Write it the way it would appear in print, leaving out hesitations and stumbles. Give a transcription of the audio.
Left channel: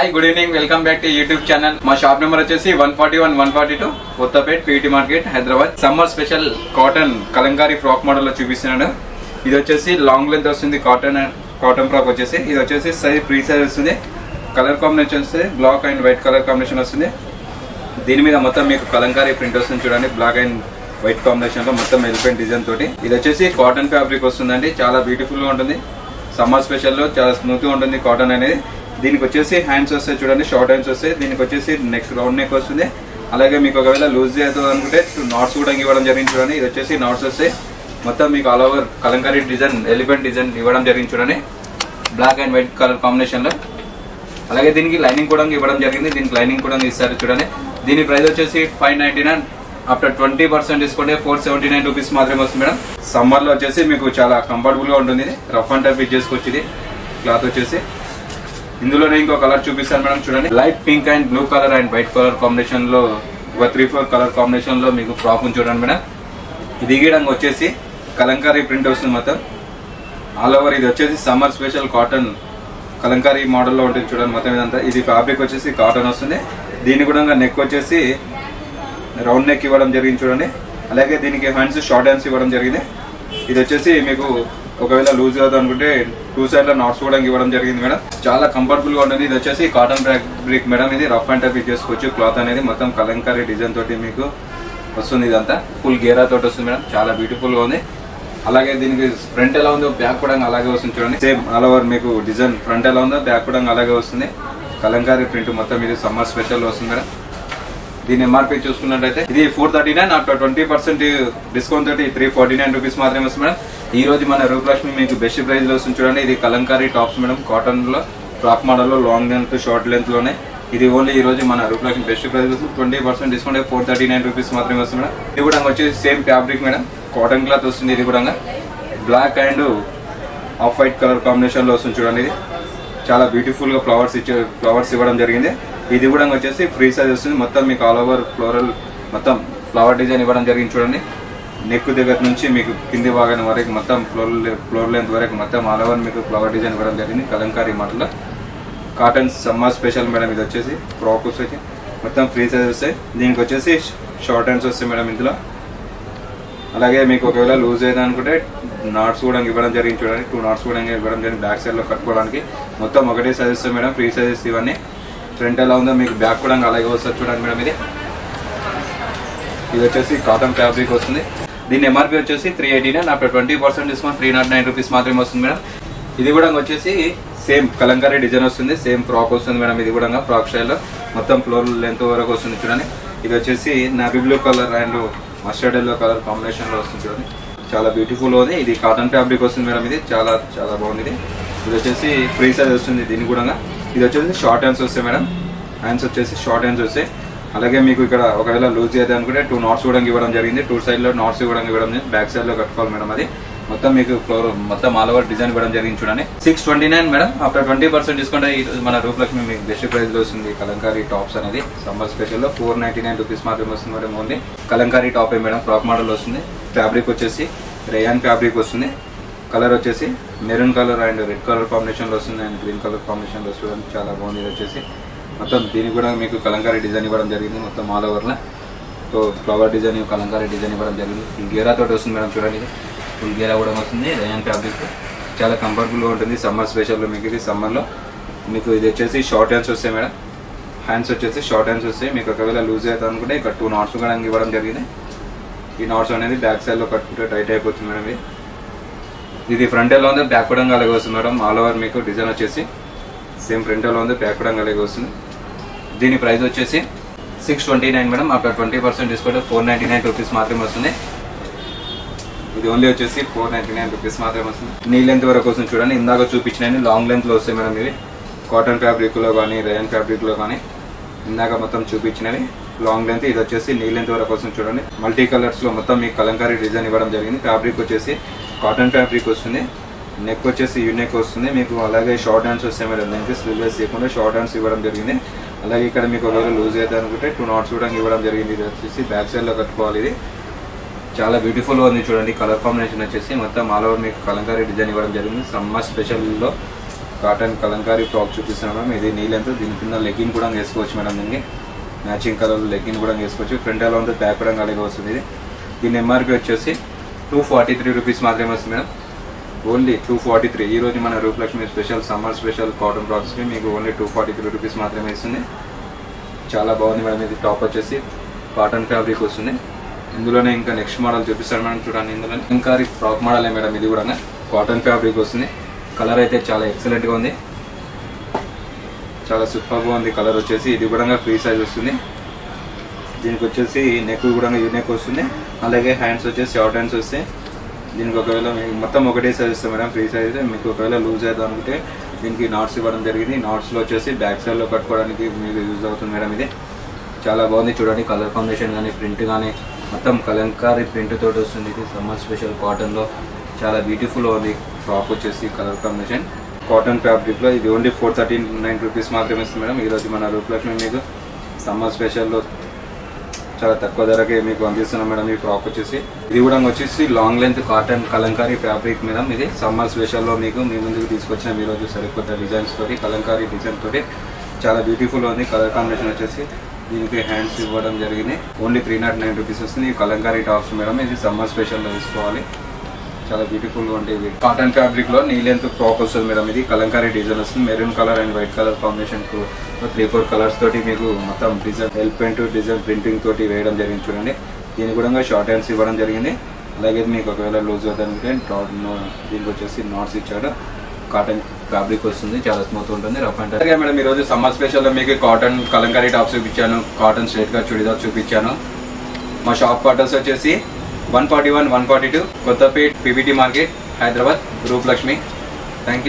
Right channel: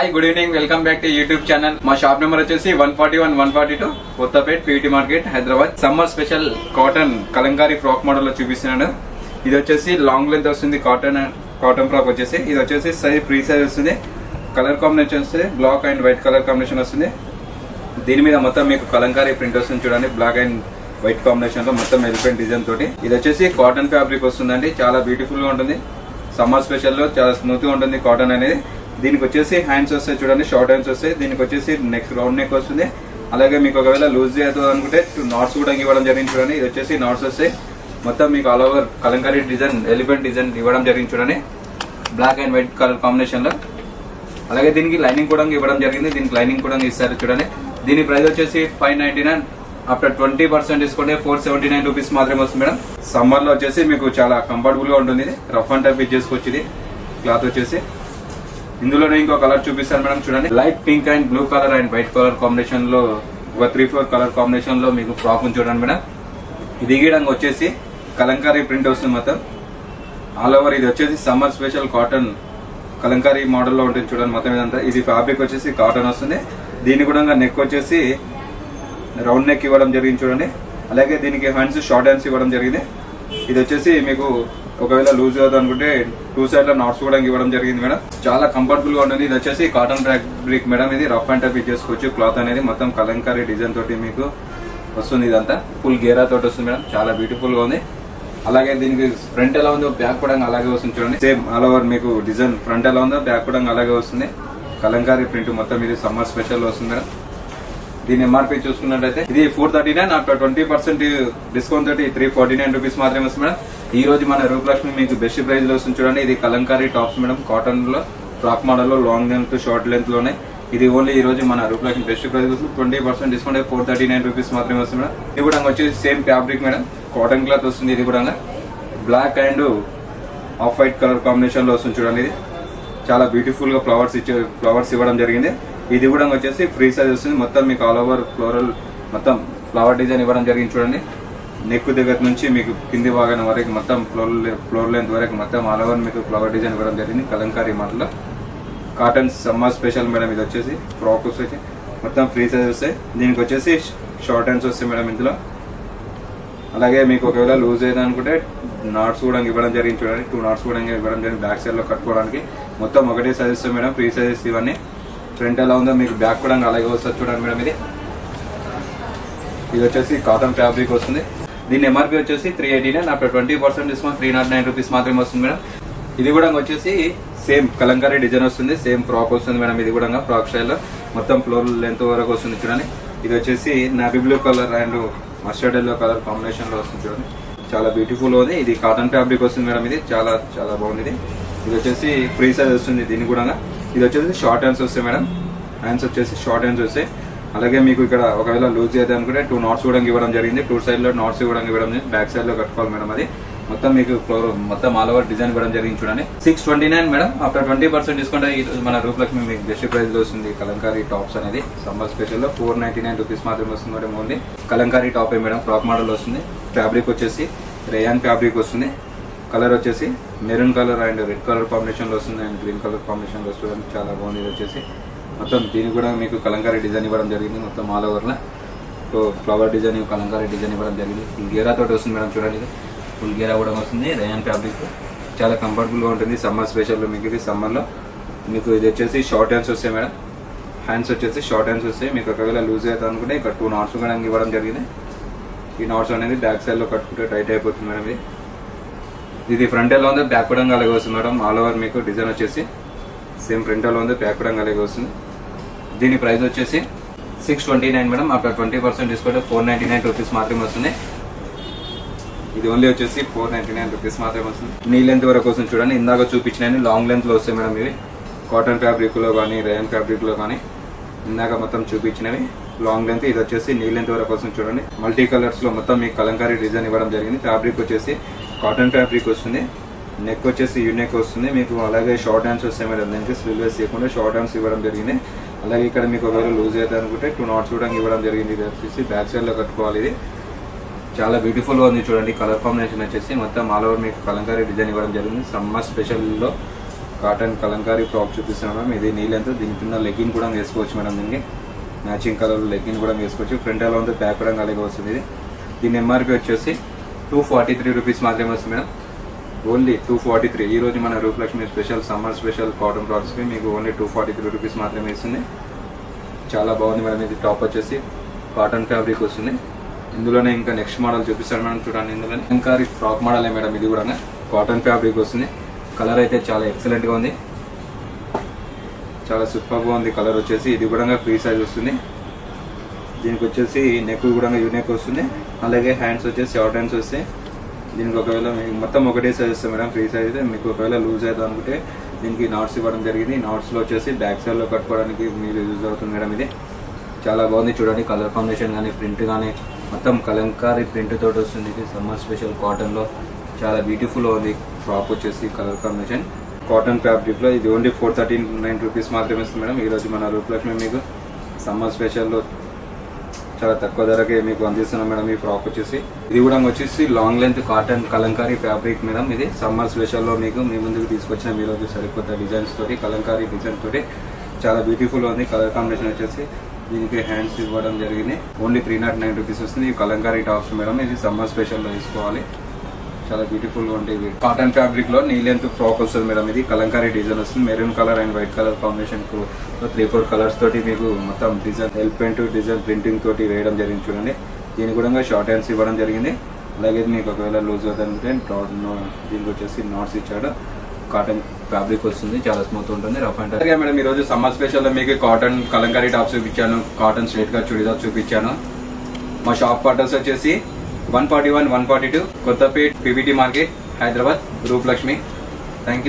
Hi good evening, welcome back to YouTube channel. మా shop number వచ్చేసి 141 142 Kothapet PT market Hyderabad. Summer special cotton kalamkari frock model లో చూపిస్తున్నాను. ఇది వచ్చేసి లాంగ్ లెంత్ వస్తుంది. కాటన్ ఫ్రాక్ వచ్చేసి ఇది వచ్చేసి ఫ్రీ సైజ్ వస్తుంది. కలర్ కాంబినేషన్ వస్తుంది, black and white colour combination వస్తుంది. దీని మీద మొత్తం మీకు కలంకారీ ప్రింట్ వస్తుంది చూడండి, బ్లాక్ అండ్ వైట్ కాంబినేషన్ లో మొత్తం ఎలిఫెంట్ డిజైన్ తోటి. ఇది వచ్చేసి కాటన్ ఫ్యాబ్రిక్ వస్తుందండి, చాలా బ్యూటిఫుల్ గా ఉంటుంది. సమ్మర్ స్పెషల్ లో చాలా స్మూత్ గా ఉంటుంది కాటన్ అనేది. దీనికి వచ్చేసి హ్యాండ్స్ వస్తాయి చూడండి, షార్ట్ హ్యాండ్స్ వస్తాయి. దీనికి వచ్చేసి నెక్స్ట్ రౌండ్ నెక్ వస్తుంది. అలాగే మీకు ఒకవేళ లూజ్ అవుతుంది అనుకుంటే నాట్స్ కూడా ఇవ్వడం జరిగింది చూడండి. ఇది వచ్చేసి నాట్స్ వస్తాయి. మొత్తం మీకు all over kalamkari design, elephant design ఇవ్వడం జరిగింది చూడండి, black and white colour combination లో. అలాగే దీనికి లైనింగ్ కూడా ఇవ్వడం జరిగింది. దీనికి లైనింగ్ కూడా ఇస్తారు చూడండి. దీని ప్రైస్ వచ్చేసి 599. ఆఫ్టర్ 20% డిస్కౌంట్ 479 రూపీస్ మాత్రమే వస్తుంది మేడం. సమ్మర్ లో వచ్చేసి మీకు చాలా కంఫర్టబుల్ గా ఉంటుంది. రఫ్ అండ్ టఫ్ చేసుకోవచ్చు. క్లాత్ వచ్చేసి ఇందులో ఇంకో కలర్ చూపిస్తాను మేడం చూడండి. Light pink and blue colour and white colour combination లో 3-4 కలర్ కాంబినేషన్ లో మీకు ఫ్రాక్ చూడండి మేడం. ఇది గీయడంగా వచ్చేసి కలంకారీ ప్రింట్ వస్తుంది మొత్తం ఆల్ ఓవర్. ఇది వచ్చేసి summer special cotton Kalamkari model లో ఉంటుంది చూడండి మొత్తం ఇదంతా. ఇది ఫ్యాబ్రిక్ వచ్చేసి కాటన్ వస్తుంది. దీని కూడా నెక్ వచ్చేసి రౌండ్ నెక్ ఇవ్వడం జరిగింది చూడండి. అలాగే దీనికి హ్యాండ్స్ షార్ట్ హ్యాండ్స్ ఇవ్వడం జరిగింది. ఇది వచ్చేసి మీకు ఒకవేళ లూజ్ అవుతుంది అనుకుంటే 2 సైడ్ లో నాట్స్ కూడా ఇవ్వడం జరిగింది మేడం. చాలా కంఫర్టబుల్ గా ఉన్నది. ఇది వచ్చేసి కాటన్ ఫ్యాబ్రిక్ మేడం. ఇది రఫ్ అండ్ టఫ్ చేసుకోవచ్చు. క్లాత్ అనేది మొత్తం కలంకారీ డిజైన్ తోటి మీకు వస్తుంది. ఇదంతా ఫుల్ గేరా తోటి వస్తుంది మేడం, చాలా బ్యూటిఫుల్ గా ఉంది. అలాగే దీనికి ఫ్రంట్ ఎలా ఉందో బ్యాక్ కూడా అలాగే వస్తుంది చూడండి. సేమ్ ఆల్ ఓవర్ మీకు డిజైన్ ఫ్రంట్ ఎలా ఉందో బ్యాక్ కూడా అలాగే వస్తుంది. కలంకారీ ప్రింట్ మొత్తం ఇది సమ్మర్ స్పెషల్ వస్తుంది మేడం. దీని ఎంఆర్పీ చూసుకున్నట్టయితే ఇది 439. ఆఫ్టర్ 20% డిస్కౌంట్ తోటి 349 రూపీస్ మాత్రమే వస్తుంది మేడం. ఈ రోజు మన రూపలక్ష్మి మీకు బెస్ట్ ప్రైస్ లో వస్తుంది చూడండి. ఇది కలంకారీ టాప్స్ మేడం, కాటన్ లో ఫ్రాక్ మోడల్ లో లాంగ్ లెంత్ షార్ట్ లెంత్ లోనే. ఇది ఓన్లీ ఈ రోజు మన Rupalakshmi best price 20% discount 439 rupees మాత్రమే వస్తుంది మేడం. ఇది కూడా వచ్చేసి same fabric madam, cotton cloth వస్తుంది. ఇది కూడా black and off white colour combination లో వస్తుంది చూడండి. ఇది చాలా బ్యూటిఫుల్ గా ఫ్లవర్స్ ఇవ్వడం జరిగింది. ఇది కూడా వచ్చేసి ఫ్రీ సైజ్ వస్తుంది. మొత్తం మీకు ఆల్ ఓవర్ ఫ్లోరల్ మొత్తం ఫ్లవర్ డిజైన్ ఇవ్వడం జరిగింది చూడండి. నెక్ దగ్గర నుంచి మీకు కింది భాగం వరకు మొత్తం ఫ్లోర్ లెంత్ వరకు మొత్తం ఆల్ ఓవర్ మీకు ఫ్లవర్ డిజైన్ ఇవ్వడం జరిగింది. Kalamkari model cotton summer special madam. ఇది వచ్చేసి ఫ్రాక్ వచ్చేసి మొత్తం ఫ్రీ సైజ్ వస్తాయి. దీనికి వచ్చేసి షార్ట్ హ్యాండ్స్ వస్తాయి మేడం ఇందులో. అలాగే మీకు ఒకవేళ లూజ్ అయితే అనుకుంటే నాట్స్ కూడా ఇవ్వడం జరిగింది చూడండి. 2 నాట్స్ కూడా ఇవ్వడం జరిగింది బ్యాక్ సైడ్ లో కట్టుకోవడానికి. మొత్తం ఒకటే సైజ్ వస్తాయి మేడం, ఫ్రీ సైజెస్ ఇవన్నీ. ఫ్రంట్ ఎలా ఉందో మీకు బ్యాక్ కూడా అలాగే వస్తుంది చూడండి మేడం. ఇది వచ్చేసి కాటన్ ఫ్యాబ్రిక్ వస్తుంది. దీని ఎంఆర్పీ వచ్చేసి 389. ఆఫ్టర్ 20% డిస్కౌంట్ 309 రూపీస్ మాత్రమే వస్తుంది మేడం. ఇది కూడా వచ్చేసి సేమ్ కలంకారీ డిజైన్ వస్తుంది, సేమ్ ఫ్రాక్ వస్తుంది మేడం. ఇది కూడా ఫ్రాక్ స్టైల్ మొత్తం ఫ్లోర్ లెంత్ వరకు వస్తుంది చూడండి. ఇది వచ్చేసి navy blue colour and mustard yellow colour combination లో వస్తుంది చూడండి, చాలా బ్యూటిఫుల్ ఉంది. ఇది కాటన్ ఫ్యాబ్రిక్ వస్తుంది మేడం. ఇది చాలా చాలా బాగుంది. ఇది వచ్చేసి ఫ్రీ సైజ్ వస్తుంది. దీని కూడా ఇది వచ్చేసి షార్ట్ హ్యాండ్స్ వస్తాయి మేడం. హ్యాండ్స్ వచ్చేసి షార్ట్ హ్యాండ్స్ వస్తాయి. అలాగే మీకు ఇక్కడ ఒకవేళ లూజ్ అయితే అనుకుంటే 2 నాట్స్ కూడా ఇవ్వడం జరిగింది. 2 సైడ్ లో నాట్స్ కూడా ఇవ్వడం, బ్యాక్ సైడ్ లో కట్టుకోవాలి మేడం. అది మొత్తం మీకు ఫ్లోర్ మొత్తం ఆల్ ఓవర్ డిజైన్ ఇవ్వడం జరిగింది చూడండి. 629 మేడం. ఆఫ్టర్ 20% డిస్కౌంట్ మన రూపలక్ష్మి మీకు బెస్ట్ ప్రైస్ లో వస్తుంది. కలంకారీ టాప్స్ అనేది సమ్మర్ స్పెషల్ 499 రూపీస్ మాత్రమే వస్తుంది madam. Only Kalamkari top madam, frock model వస్తుంది. ఫ్యాబ్రిక్ వచ్చేసి రేయాన్ ఫ్యాబ్రిక్ వస్తుంది. కలర్ వచ్చేసి maroon colour and red colour combination లో వస్తుంది అండ్ గ్రీన్ కలర్ కాంబినేషన్ లో వస్తుంది. చాలా బాగుంది. వచ్చేసి మొత్తం దీనికి కూడా మీకు కలంకారీ డిజైన్ ఇవ్వడం జరిగింది మొత్తం ఆల్ ఓవర్ లో. So flower design, Kalamkari design ఇవ్వడం జరిగింది. గేరా తోటి వస్తుంది మేడం చూడండి. గేరా కూడా వస్తుంది. రేయాన్ ఫ్యాబ్రిక్ చాలా కంఫర్టబుల్ గా ఉంటుంది సమ్మర్ స్పెషల్ లో. మీకు ఇది సమ్మర్ లో మీకు ఇది వచ్చేసి షార్ట్ హ్యాండ్స్ వస్తాయి మేడం. హ్యాండ్స్ వచ్చేసి షార్ట్ హ్యాండ్స్ వస్తాయి. మీకు ఒకవేళ లూజ్ అవుతుంది అనుకుంటే ఇక్కడ 2 నాట్స్ కూడా ఇవ్వడం జరిగింది. ఈ నాట్స్ అనేది బ్యాక్ సైడ్ లో కట్టుకుంటే టైట్ అయిపోతుంది మేడం. ఇది ఫ్రంట్ ఎలా ఉందో బ్యాక్ కూడా అలాగే వస్తుంది మేడం. ఆల్ ఓవర్ మీకు డిజైన్ వచ్చేసి సేమ్ ఫ్రంట్ ఎలా ఉందో బ్యాక్ కూడా అలాగే వస్తుంది. దీని ప్రైస్ వచ్చేసి 629 మేడం. ఆఫ్టర్ 20% డిస్కౌంట్ 499 రూపీస్ మాత్రమే వస్తుంది. ఇది ఓన్లీ వచ్చేసి 499 రూపీస్ మాత్రమే వస్తుంది. నీ లెంత్ వరకు వస్తుంది చూడండి. ఇందాక చూపించిన లాంగ్ లెంత్ వస్తాయి మేడం. ఇది కాటన్ ఫ్యాబ్రిక్ లో కానీ రేయన్ ఫ్యాబ్రిక్ లో కానీ ఇందాక మొత్తం చూపించినవి లాంగ్ లెంత్. ఇది వచ్చేసి నీ లెంత్ వరకు వస్తుంది చూడండి. మల్టీ కలర్స్ లో మొత్తం మీకు కలంకారీ డిజైన్ ఇవ్వడం జరిగింది. ఫ్యాబ్రిక్ వచ్చేసి కాటన్ ఫ్యాబ్రిక్ వస్తుంది. నెక్ వచ్చేసి యూనెక్ వస్తుంది మీకు. అలాగే షార్ట్ హ్యాండ్స్ వస్తాయి మేడం. స్లీవ్లెస్ ఇవ్వకుండా షార్ట్ హ్యాండ్స్ ఇవ్వడం జరిగింది. అలాగే ఇక్కడ మీకు ఒకవేళ లూజ్ అయితే అనుకుంటే 2 నాట్స్ కూడా ఇవ్వడం జరిగింది. ఇది వచ్చేసి బ్యాక్ సైడ్ లో కట్టుకోవాలి. ఇది చాలా బ్యూటిఫుల్ గా ఉంది చూడండి. కలర్ కాంబినేషన్ వచ్చేసి మొత్తం ఆల్ ఓవర్ మీకు కలంకారీ డిజైన్ ఇవ్వడం జరిగింది. సమ్మర్ స్పెషల్ లో కాటన్ కలంకారీ ఫ్రాక్ చూపిస్తాను మేడం. ఇది నీ లెంత్, దీని కింద లెగ్గిన్ కూడా వేసుకోవచ్చు మేడం. దీనికి మ్యాచింగ్ కలర్ లెగ్గిన్ కూడా వేసుకోవచ్చు. ఫ్రంట్ ఎలా ఉంది బ్యాక్ కూడా కలిగి వస్తుంది. దీని ఎంఆర్పీ వచ్చేసి 243 రూపీస్ మాత్రమే వస్తుంది మేడం. ఓన్లీ 243. ఈ రోజు మన Rupalakshmi special summer special cotton ఫ్రాక్స్కి మీకు ఓన్లీ 243 రూపీస్ మాత్రమే ఇస్తుంది. చాలా బాగుంది మేడం. ఇది టాప్ వచ్చేసి కాటన్ ఫ్యాబ్రిక్ వస్తుంది. ఇందులోనే ఇంకా నెక్స్ట్ మోడల్ చూపిస్తాను మేడం. చూడండి, ఇందులో కలంకారీ ఫ్రాక్ మోడలే మేడం. ఇది కూడా కాటన్ ఫ్యాబ్రిక్ వస్తుంది. కలర్ అయితే చాలా ఎక్సలెంట్గా ఉంది, చాలా సూపర్గా ఉంది కలర్ వచ్చేసి. ఇది కూడా ఫ్రీ సైజ్ వస్తుంది. దీనికి వచ్చేసి నెక్ కూడా నెక్ వస్తుంది. అలాగే హ్యాండ్స్ వచ్చేసి షార్ట్ హ్యాండ్స్ వస్తాయి. దీనికి ఒకవేళ మొత్తం ఒకటే సైజ్ వస్తాయి మేడం, ఫ్రీ సైజ్. మీకు ఒకవేళ లూజ్ అవుతా అనుకుంటే దీనికి నాట్స్ ఇవ్వడం జరిగింది. నాట్స్లో వచ్చేసి బ్యాక్ సైడ్లో కట్టుకోవడానికి యూజ్ అవుతుంది మేడం. ఇది చాలా బాగుంది చూడండి. కలర్ కాంబినేషన్ కానీ ప్రింట్ కానీ మొత్తం కలంకారీ ప్రింట్ తోటి వస్తుంది. ఇది సమ్మర్ స్పెషల్ కాటన్లో చాలా బ్యూటిఫుల్ ఉంది ఫ్రాక్ వచ్చేసి. కలర్ కాంబినేషన్ కాటన్ ఫ్యాబ్రిక్లో ఇది ఓన్లీ 439 రూపీస్ మాత్రమే ఇస్తుంది మేడం. ఈరోజు మన రూపలక్ష్మి మీకు సమ్మర్ స్పెషల్లో చాలా తక్కువ ధరకే మీకు పంపిస్తున్నాం మేడం. ఈ ఫ్రాక్ వచ్చేసి ఇది కూడా వచ్చేసి long length cotton Kalamkari fabric madam. ఇది సమ్మర్ స్పెషల్లో మీకు మీ ముందుకు తీసుకొచ్చాము ఈరోజు సరికొత్త డిజైన్స్ తోటి, కలంకారీ డిజైన్ తోటి చాలా బ్యూటిఫుల్ ఉంది. కలర్ కాంబినేషన్ వచ్చేసి దీనికి హ్యాండ్స్ ఇవ్వడం జరిగింది. ఓన్లీ 309 రూపీస్ వస్తుంది. ఈ కలంకారీ టాప్స్ మేడం. ఇది సమ్మర్ స్పెషల్లో తీసుకోవాలి. చాలా బ్యూటిఫుల్ ఉంటుంది. కాటన్ ఫ్యాబ్రిక్ లో నీ లెంత్ ఫ్రాక్ వస్తుంది మేడం. ఇది కలంకారీ డిజైన్ వస్తుంది. Maroon colour and white colour combination 3-4 colours తోటి మీకు మొత్తం design L paint design printing తోటి వేయడం జరిగింది చూడండి. దీని కూడా షార్ట్ హ్యాండ్స్ ఇవ్వడం జరిగింది. అలాగే మీకు ఒకవేళ లోజ్ జరిగితే దీనికి వచ్చేసి నాట్స్ ఇచ్చాడు. కాటన్ ఫ్యాబ్రిక్ వస్తుంది, చాలా స్మూత్ ఉంటుంది. అలాగే మేడం ఈరోజు సమ్మర్ స్పెషల్ లో మీకు కాటన్ కలంకారీ టాప్స్ చూపించాను, కాటన్ స్ట్రైట్ గా చుడిదార్ చూపించాను. మా షాప్ క్వార్టర్స్ వచ్చేసి 141, 142 Kothapet PBT market, Hyderabad, Rupalakshmi. Thank you.